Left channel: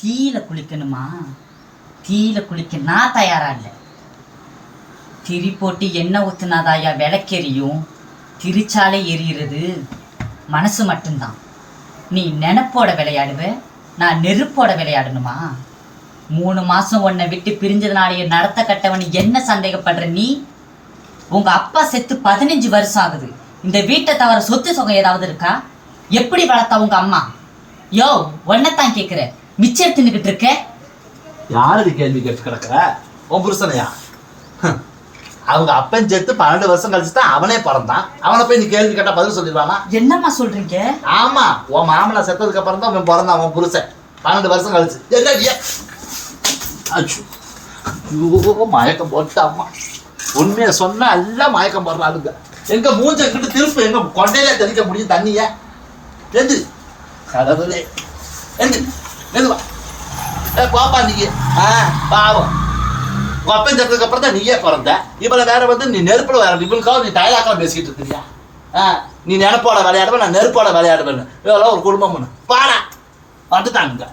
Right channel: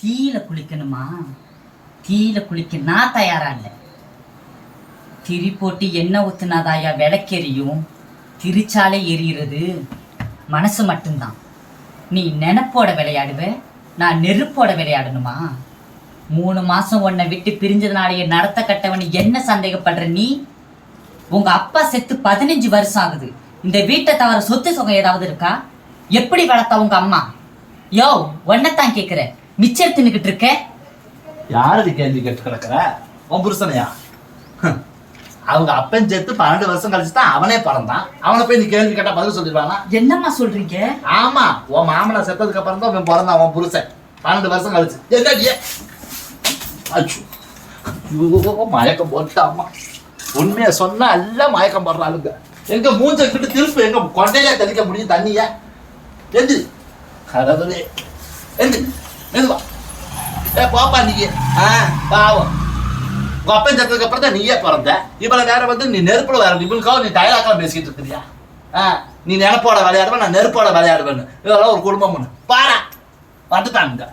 தீயில குளிக்கணுமா? தீயில குளிக்க நான் தயாரா இல்லை. திரி போட்டு எண்ணெய் ஊத்துனாதாயா விளக்கெரியும். திரிச்சாலே எரியிறது மனசு மட்டும்தான். நீ நெனப்போட விளையாடுவ, நான் நெருப்போட விளையாடணுமா? 3 மாசம் உன்னை விட்டு பிரிஞ்சதுனாலேயே நடத்த கட்டவன் என்ன சந்தேகப்படுற நீ? உங்க அப்பா செத்து 15 வருஷம் ஆகுது. இந்த வீட்டை தவிர சொத்து சுகம் ஏதாவது இருக்கா? எப்படி வளர்த்தா உங்க அம்மா? யோ, ஒன்னத்தான் கேக்குற, மிச்சம் தின்னுக்கிட்டு இருக்க. யாருக்கு கேள்வி கேட்டு கிடக்குற? உன் புருஷனையா? அவங்க அப்பன் செத்து 12 வருஷம் கழிச்சு தான் அவனே பிறந்தான். அவனை போய் நீ கேள்வி கேட்டா பதில் சொல்லிடுவானா? என்னம்மா சொல்றீங்க? ஆமா, உன் மாமனா செத்ததுக்கு அப்புறம் தான் அவன் பிறந்தான். உன் புருஷன் 12 வருஷம் கழிச்சு. மயக்கம் போட்டாமா. உண்மைய சொன்னா எல்லாம் மயக்கம் போடுறாளுங்க. எங்க மூஞ்ச கிட்ட திருப்பி எங்க கொண்டையில தெளிக்க முடியும் தண்ணிய? எது கடவுளே, எது எதுவா பாப்பா நீங்க பாவம். உங்க அப்பன் செத்ததுக்கு அப்புறம் தான் நீயே பிறந்த. இவ்வளவு நேரம் வந்து நீ நெருப்புல வேற இவனுக்காக நீ டயலாக்கெல்லாம் பேசிட்டு இருக்கிறியா? நீ நெருப்போட விளையாடுவேன், நான் நெருப்போட விளையாடுவேன்னு. இவ்வளவு ஒரு குடும்பம் பாடா வந்துட்டாங்க.